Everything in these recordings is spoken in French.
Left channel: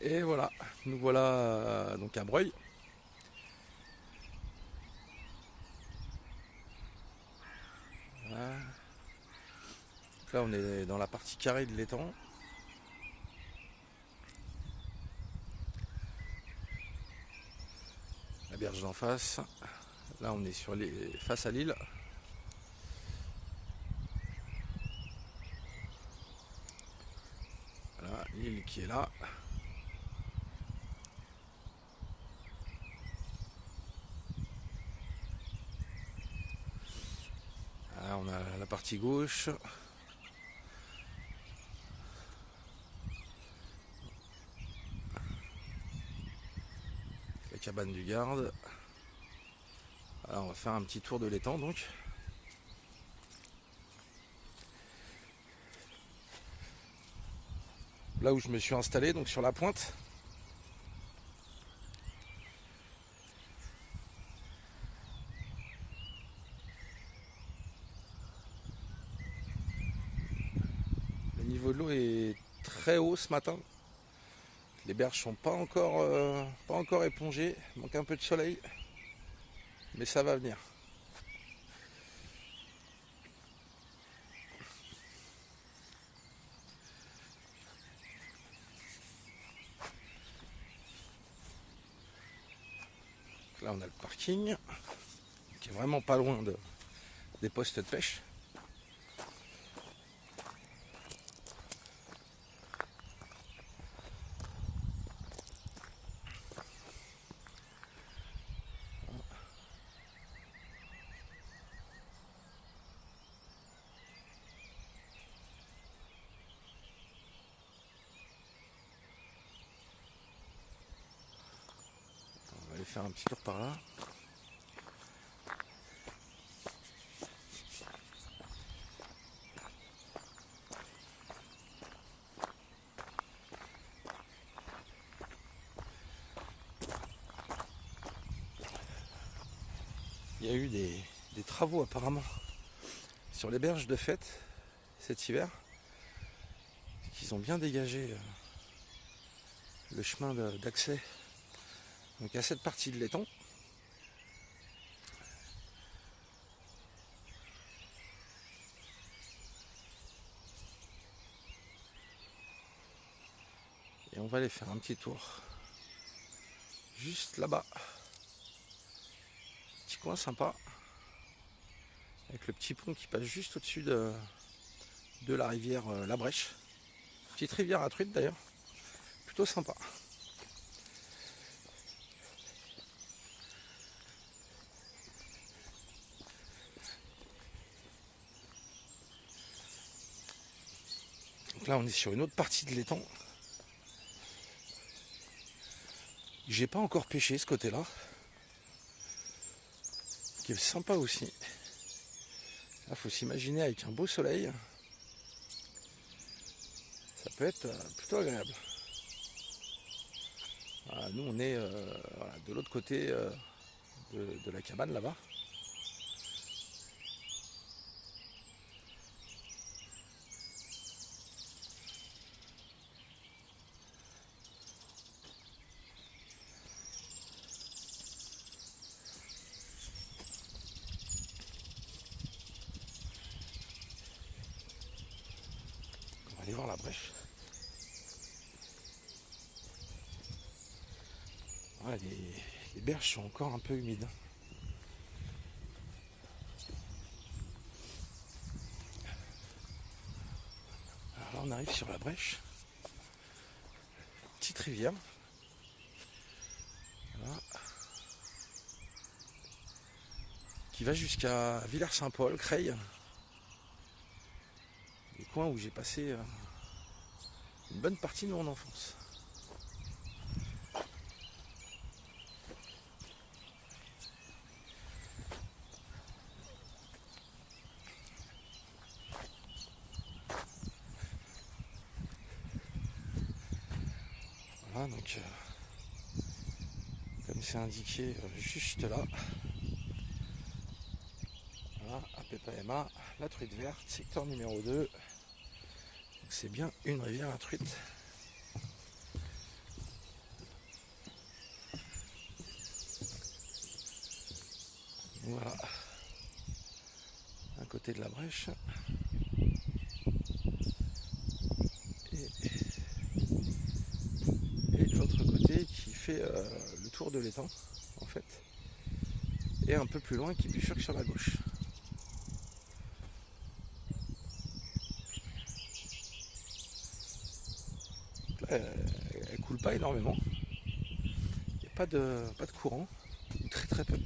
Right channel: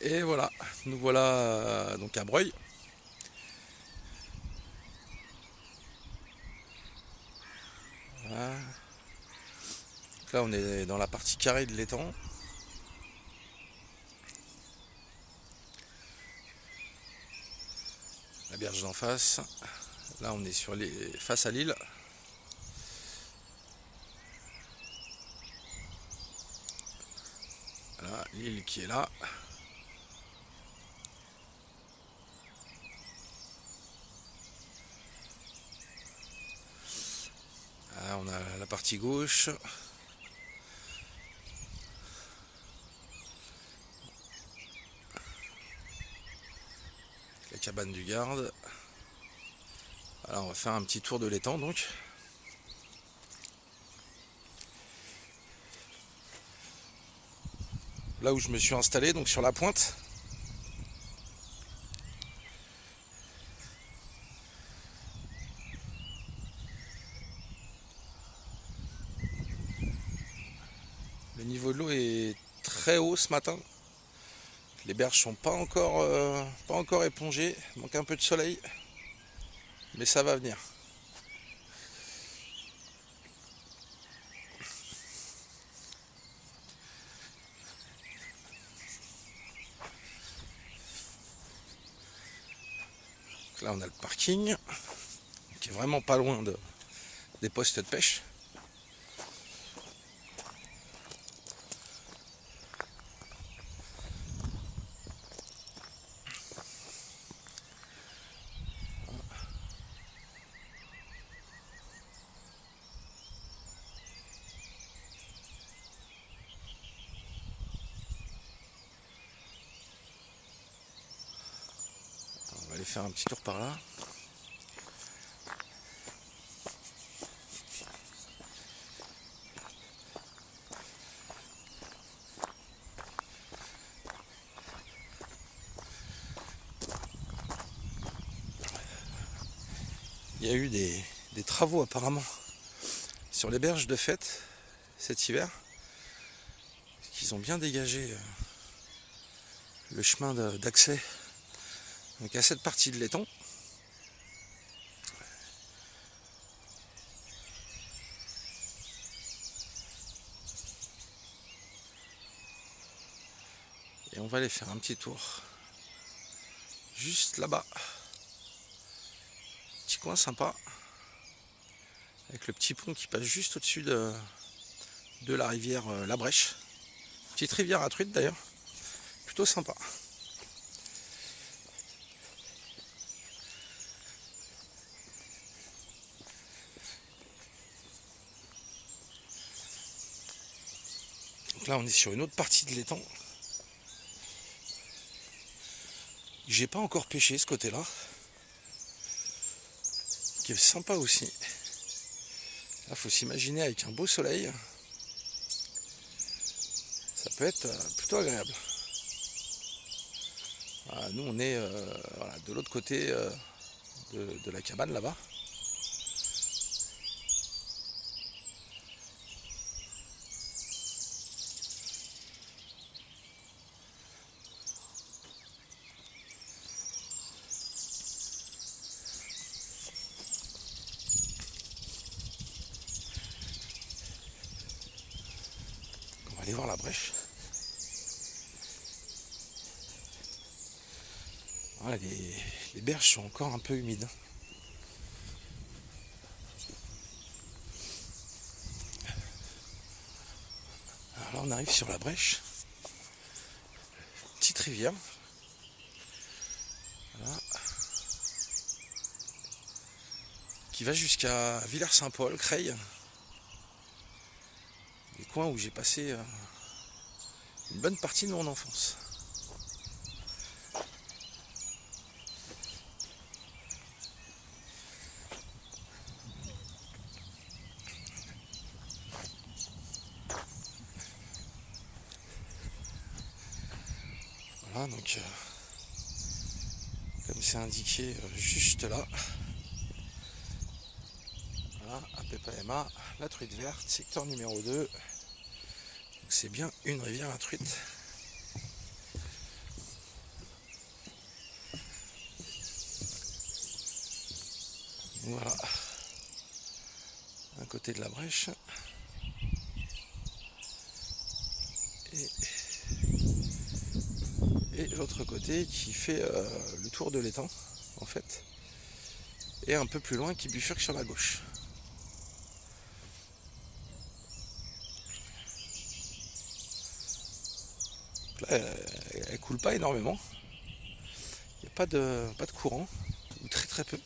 Et voilà, nous voilà donc à Breuil. Voilà. Donc là on est dans la partie carrée de l'étang. La berge d'en face. Là on est face à l'île. Voilà, l'île qui est là. Là, on a la partie gauche. La cabane du garde. Alors on va faire un petit tour de l'étang donc. Là où je me suis installé, donc sur la pointe. Le niveau de l'eau est très haut ce matin. Les berges sont pas encore épongées. Il manque un peu de soleil. Mais ça va venir. Là on a le parking qui est vraiment pas loin des postes de pêche. On va aller faire un petit tour par là. Il y a eu des travaux apparemment sur les berges de Fête cet hiver. Ils ont bien dégagé le chemin d'accès donc à cette partie de l'étang. Et on va aller faire un petit tour juste là-bas. Petit coin sympa avec le petit pont qui passe juste au-dessus de la rivière La Brèche. Petite rivière à truite d'ailleurs, plutôt sympa. Donc là on est sur une autre partie de l'étang. J'ai pas encore pêché ce côté-là, qui est sympa aussi. Là faut s'imaginer avec un beau soleil, ça peut être plutôt agréable. Voilà, nous on est voilà, de l'autre côté de la cabane là-bas. On va aller voir la brèche. Voilà, les berges sont encore un peu humides. Alors là on arrive sur la brèche. Petite rivière. Voilà. Qui va jusqu'à Villers-Saint-Paul, Creil. Des coins où j'ai passé une bonne partie de mon enfance. Voilà, donc comme c'est indiqué juste là, voilà, APPMA, la truite verte, secteur numéro 2. Donc c'est bien une rivière à truite. Voilà, un côté de la brèche et l'autre côté qui fait le tour de l'étang en fait, et un peu plus loin qui bifurque sur la gauche. Donc là, elle coule pas énormément, il n'y a pas de courant, ou très très peu.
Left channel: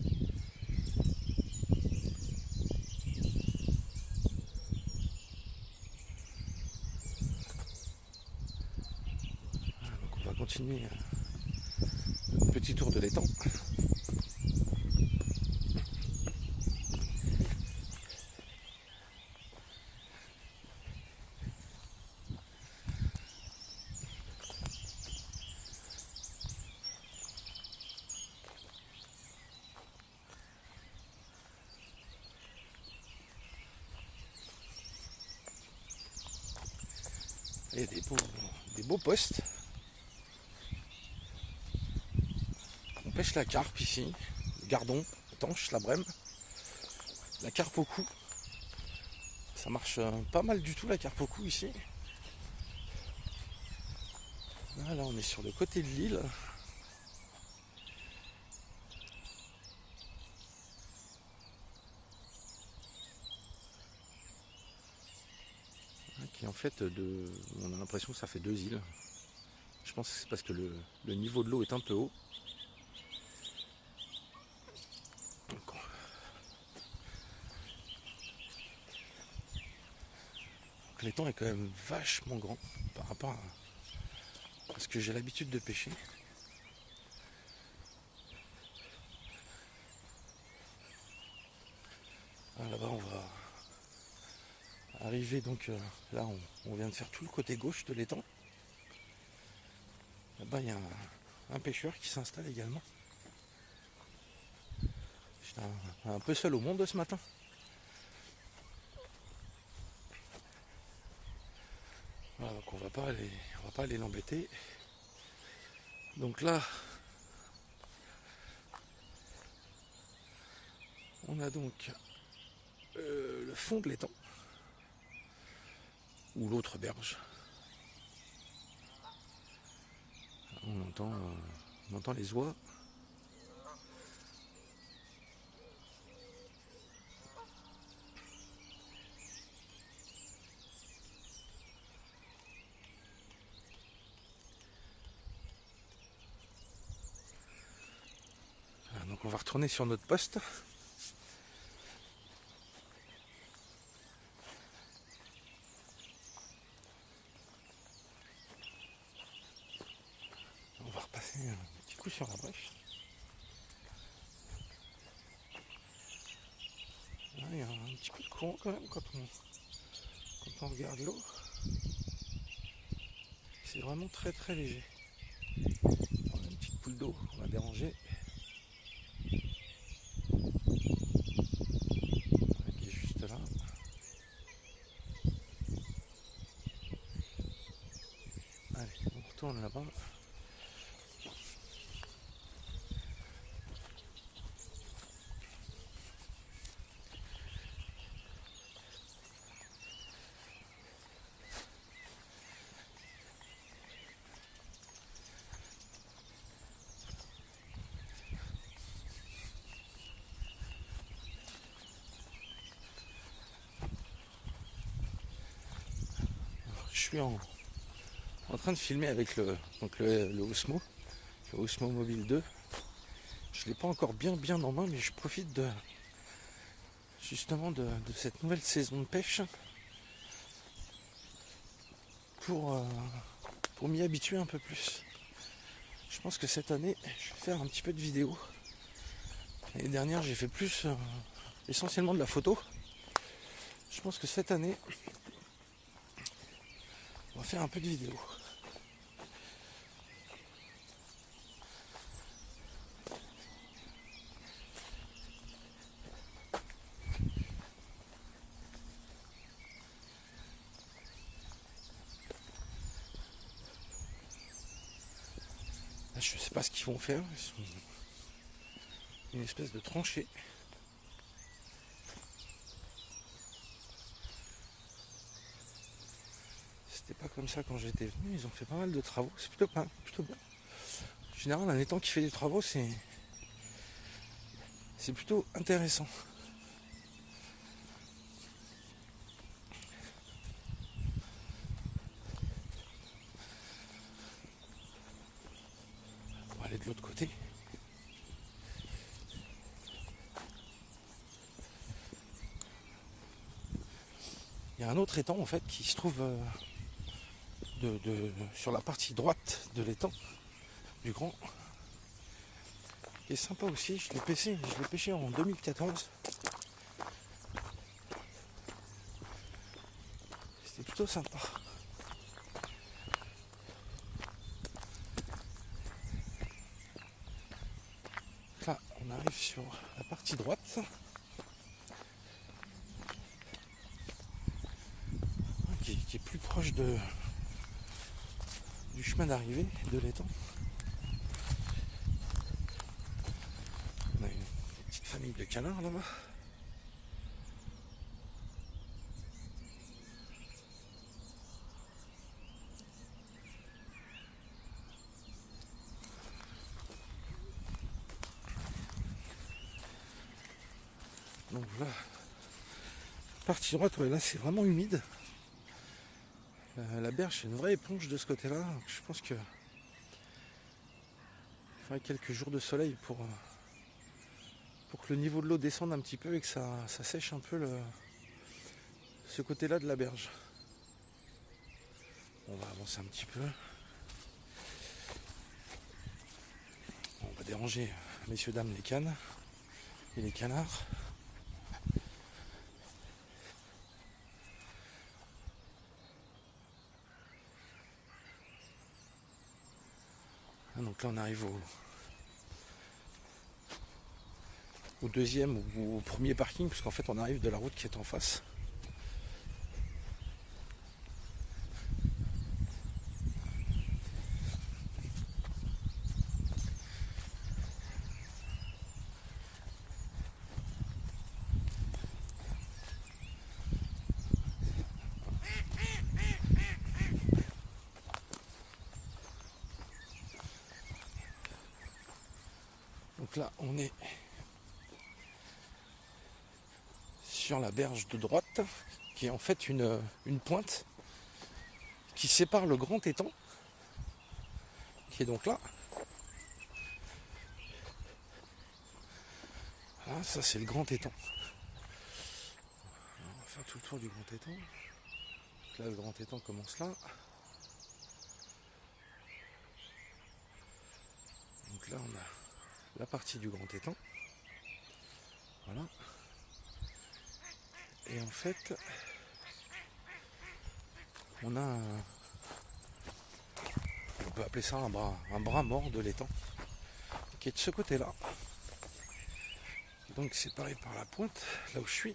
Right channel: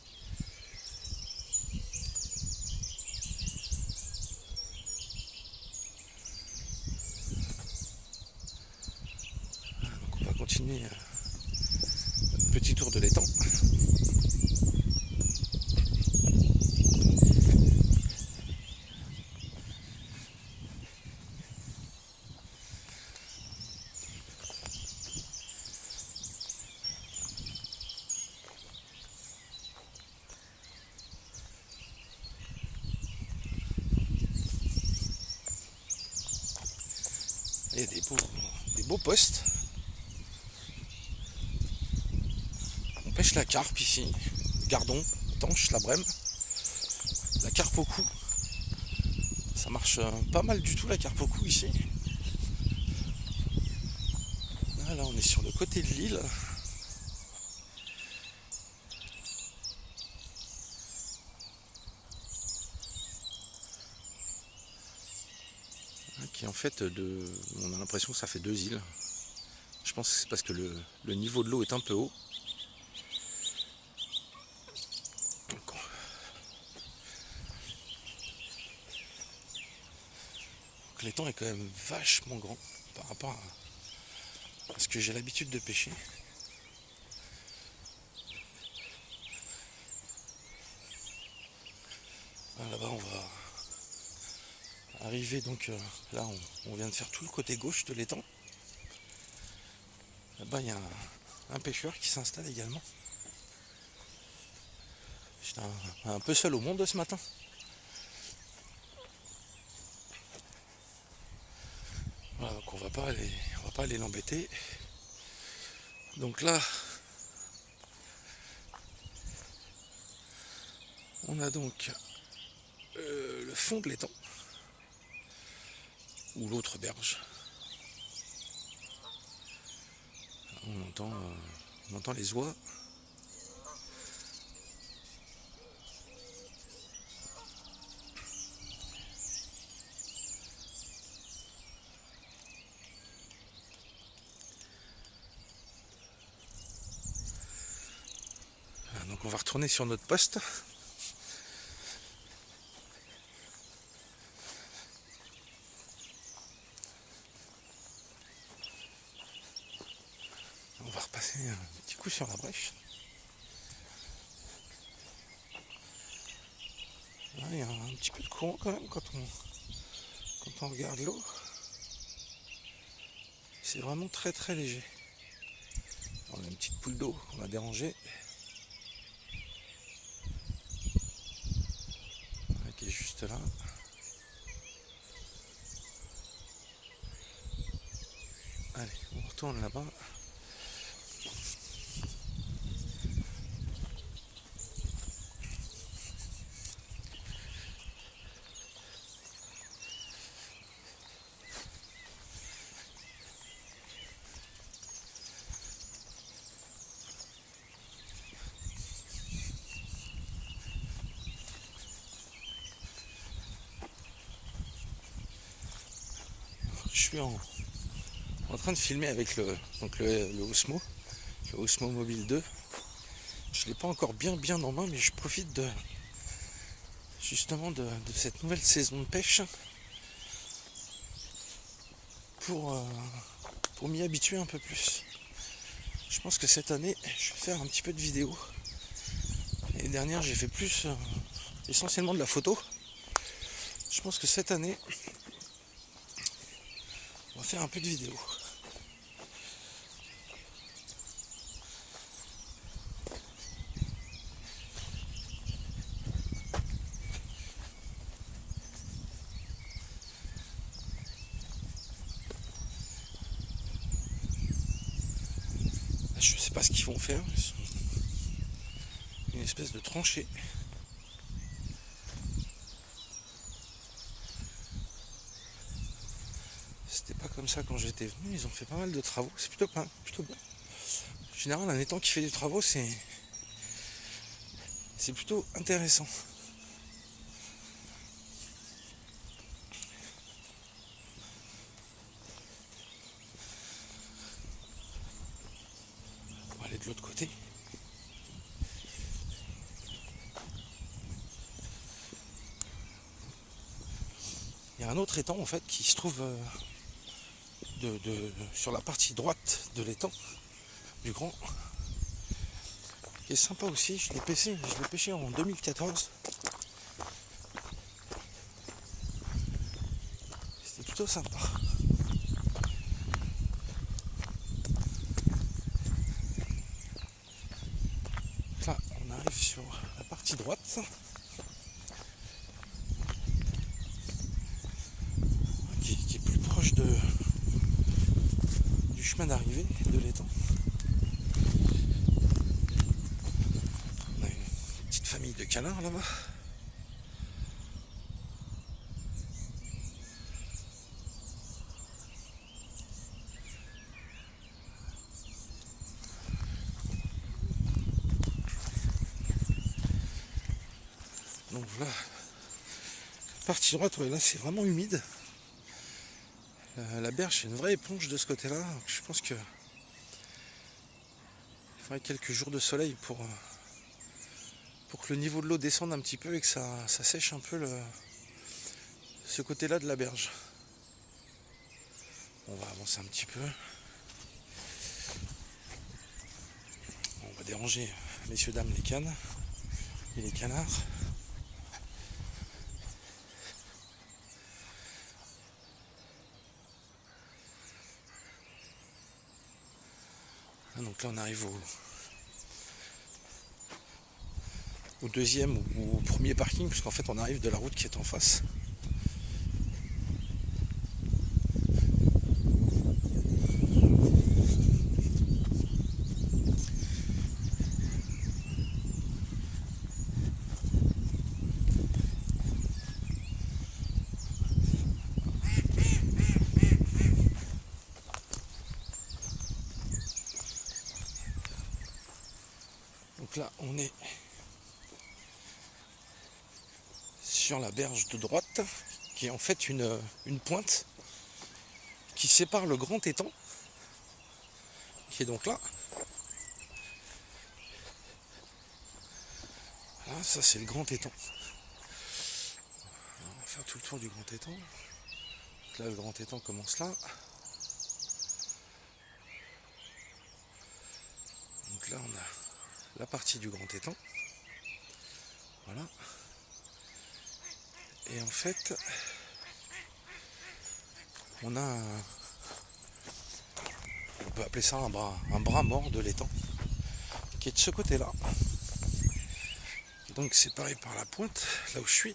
Donc on va continuer notre petit tour de l'étang. Il y a des beaux postes. On pêche la carpe ici, le gardon, la tanche, la brème, la carpe au cou. Ça marche pas mal du tout la carpe au cou ici. Là on est sur le côté de l'île. Qui en fait on a l'impression que ça fait deux îles. Je pense que c'est parce que le niveau de l'eau est un peu haut. Donc l'étang est quand même vachement grand par rapport à ce que j'ai l'habitude de pêcher. Là-bas on va arriver, donc là on vient de faire tout le côté gauche de l'étang. Là-bas il y a un pêcheur qui s'installe également. J'étais un peu seul au monde ce matin. Voilà, donc on va pas aller l'embêter. Donc là on a donc le fond de l'étang, ou l'autre berge. On entend les oies. Voilà, donc on va retourner sur notre poste. On va repasser un petit coup sur la brèche. Là, il y a un petit peu de courant quand même quand on regarde l'eau. C'est vraiment très très léger. On a une petite poule d'eau qu'on a dérangée. Qui est juste là. Allez, on retourne là-bas. Je suis en train de filmer avec le Osmo, le Osmo Mobile 2. Je ne l'ai pas encore bien en main, mais je profite justement de cette nouvelle saison de pêche pour m'y habituer un peu plus. Je pense que cette année, je vais faire un petit peu de vidéo. L'année dernière, j'ai fait plus essentiellement de la photo. Je pense que cette année, on va faire un peu de vidéo. Je sais pas ce qu'ils vont faire. Une espèce de tranchée. c'était pas comme ça quand j'étais venu. Ils ont fait pas mal de travaux. C'est plutôt bien. En général, un étang qui fait des travaux, c'est plutôt intéressant. On va aller de l'autre côté. Il y a un autre étang en fait qui se trouve sur la partie droite de l'étang du grand, qui est sympa aussi. Je l'ai pêché en 2014. C'était plutôt sympa. Là, on arrive sur la partie droite. Qui est plus proche du chemin d'arrivée de l'étang. On a une petite famille de canards là-bas. Donc voilà, partie droite, ouais, là c'est vraiment humide. La berge c'est une vraie éponge de ce côté-là. Donc je pense que il faudrait quelques jours de soleil pour que le niveau de l'eau descende un petit peu et que ça sèche un peu ce côté-là de la berge. On va avancer un petit peu. On va déranger, messieurs, dames, les cannes et les canards. Donc là on arrive au deuxième ou au premier parking, parce qu'en fait on arrive de la route qui est en face. Donc là on est sur la berge de droite, qui est en fait une pointe qui sépare le grand étang, qui est donc là. Là, ça c'est le grand étang. Alors, on va faire tout le tour du grand étang. Donc là le grand étang commence là. Donc là on a la partie du grand étang. Voilà. Et en fait, on a on peut appeler ça un bras mort de l'étang, qui est de ce côté-là. Donc séparé par la pointe, là où je suis.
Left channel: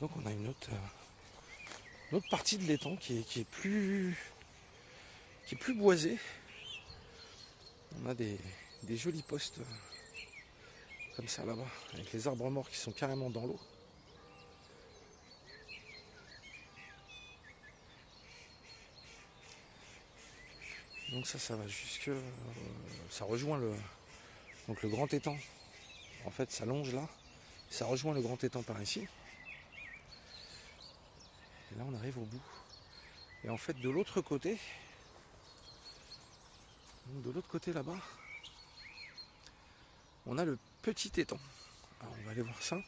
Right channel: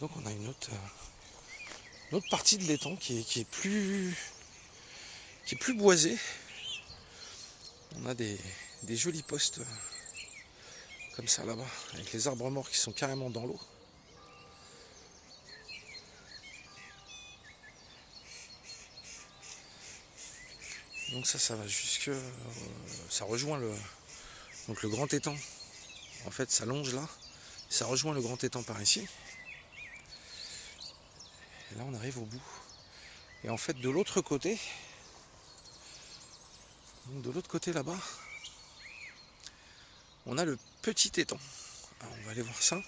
Donc on a une autre partie de l'étang qui est plus boisée. On a des jolis postes comme ça là-bas, avec les arbres morts qui sont carrément dans l'eau. Donc ça va jusque... ça rejoint le grand étang. En fait ça longe là, ça rejoint le grand étang par ici. Et là on arrive au bout. Et en fait de l'autre côté là-bas, on a le petit étang. Alors on va aller voir ça.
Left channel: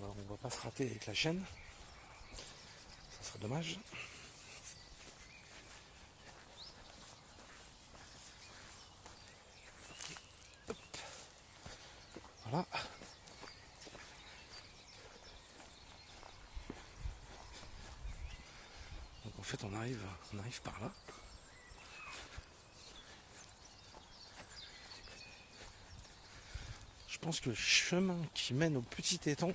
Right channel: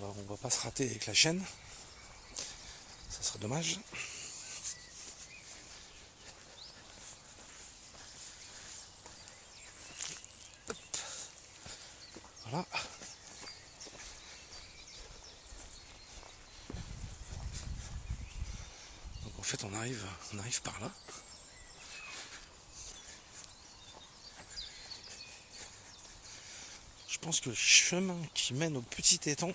On va pas se rater avec la chaîne, ça serait dommage. Voilà. Donc en fait on arrive par là. Je pense que le chemin qui mène au petit étang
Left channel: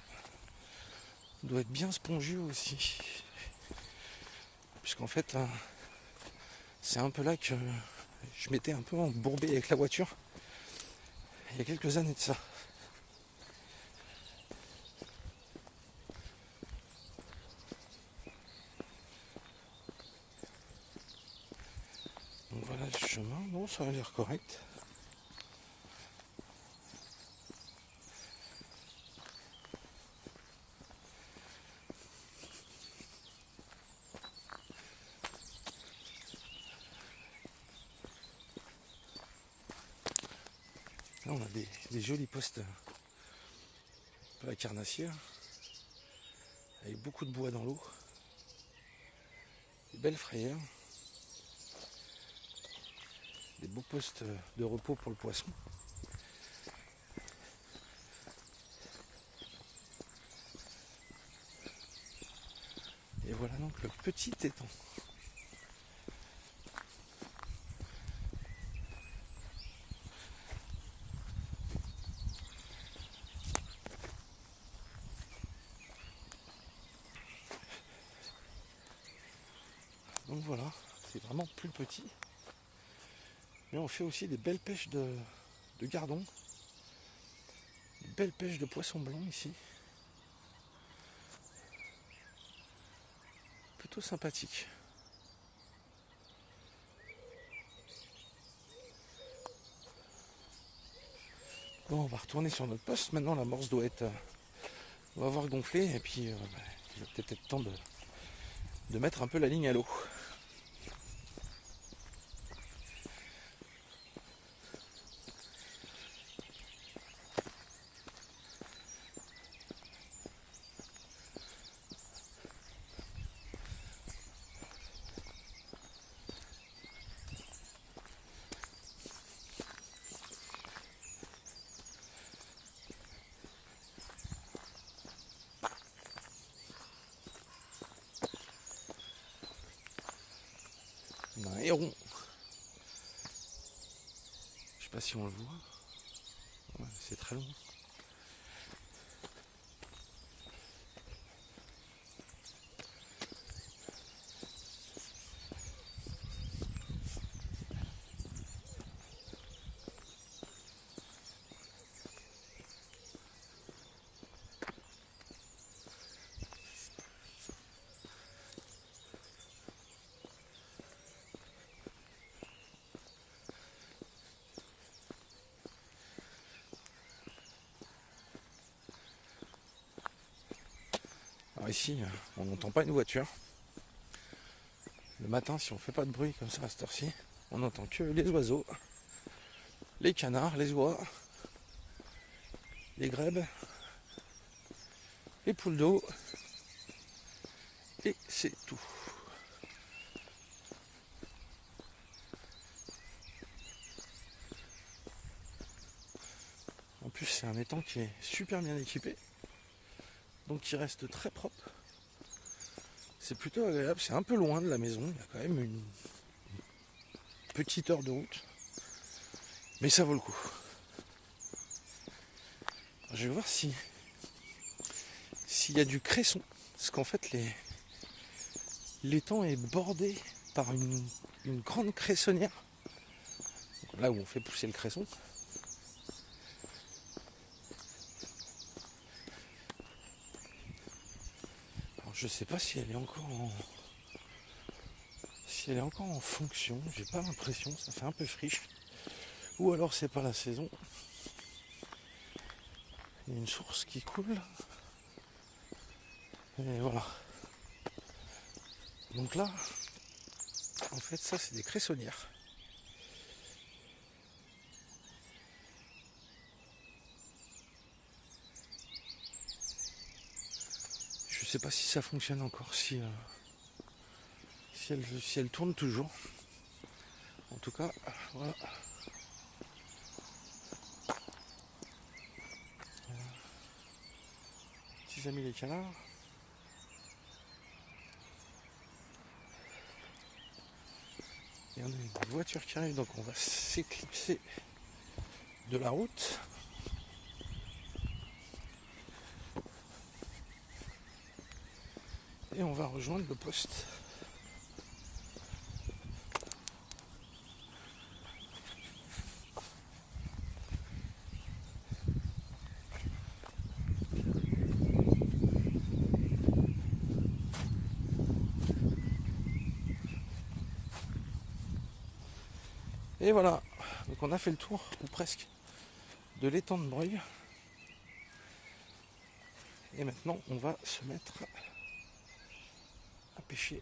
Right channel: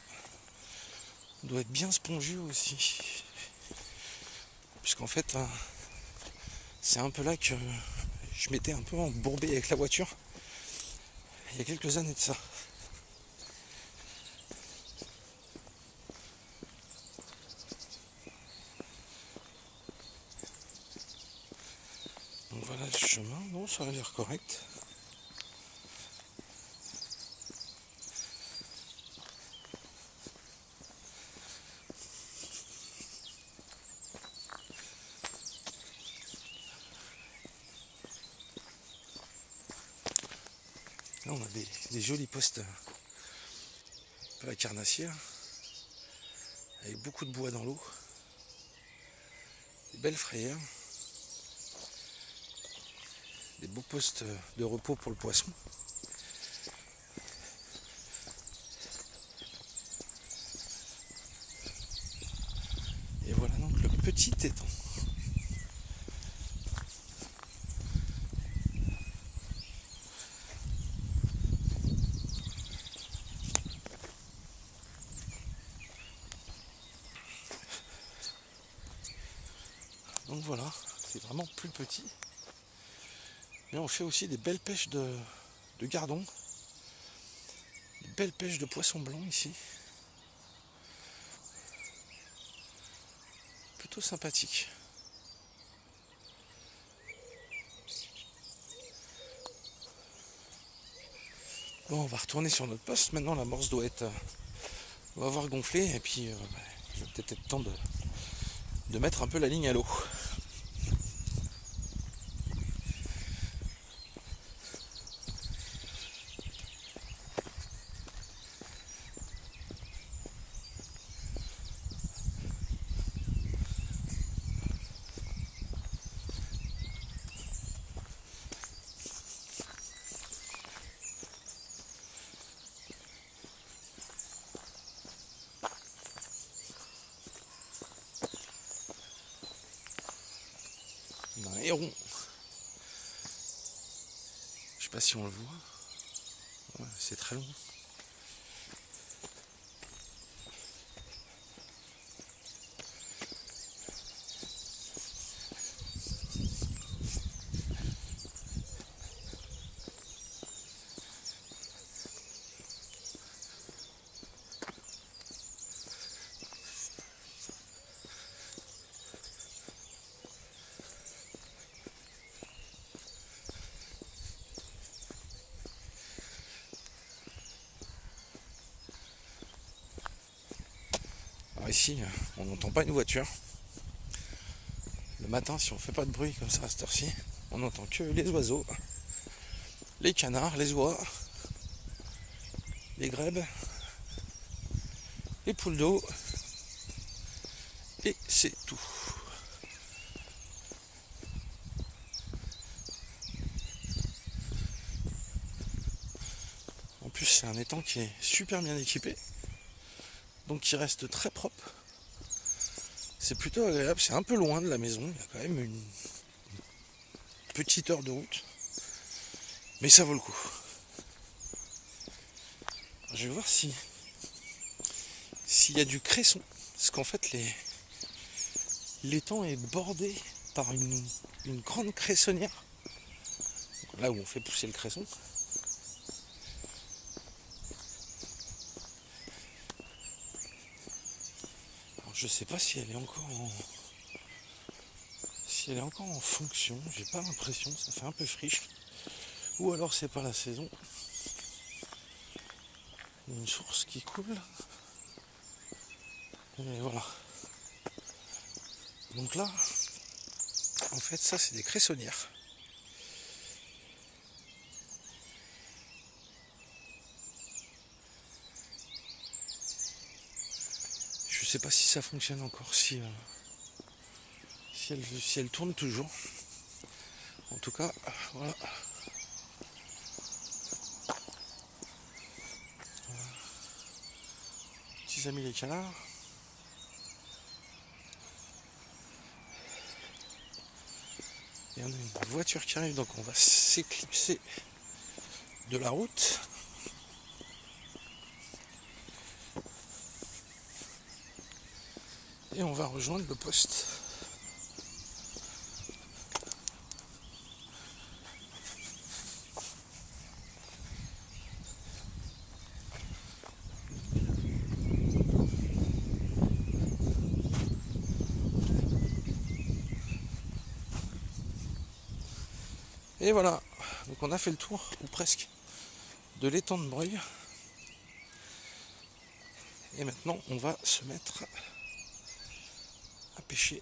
doit être bien spongieux aussi. Puisqu'en fait, c'est un peu là que je m'étais un peu embourbé avec la voiture il y a quelques années de ça. Donc voilà le chemin, non, ça a l'air correct. Là on a des jolis postes pour la carnassière, avec beaucoup de bois dans l'eau, des belles frayères, des beaux postes de repos pour le poisson. Et voilà donc le petit étang. Donc voilà, c'est vraiment plus petit. Mais on fait aussi des belles pêches de gardons, des belles pêches de poissons blancs ici. Plutôt sympathique. Bon, on va retourner sur notre poste. Maintenant l'amorce doit avoir gonflé et puis il va peut-être être temps de mettre un peu la ligne à l'eau. Un héron. Je sais pas si on le voit. Ouais, c'est très long. Alors ici, on n'entend pas une voiture. Le matin, si on fait pas de bruit comme ça à cette heure-ci, on n'entend que les oiseaux, les canards, les oies, les grèbes, les poules d'eau, et c'est tout. En plus, c'est un étang qui est super bien équipé, donc qui reste très propre. C'est plutôt agréable, c'est un peu loin de la maison, il y a quand même une petite heure de route, mais ça vaut le coup. Je vais voir s'il y a du cresson, parce qu'en fait l'étang est bordé par une grande cressonnière, là où on fait pousser le cresson. Alors, je sais pas si elle est encore en fonction, j'ai pas l'impression, ça fait un peu friche. Ou alors c'est pas la saison. Il y a une source qui coule. Et voilà. Donc là, en fait ça c'est des cressonnières. Je sais pas si ça fonctionne encore, si elle tourne toujours. En tout cas, voilà. petits amis les canards. Et on a une voiture qui arrive, donc on va s'éclipser de la route. Et on va rejoindre le poste. Et voilà, donc on a fait le tour, ou presque, de l'étang de Breuil. Et maintenant on va se mettre à pêcher.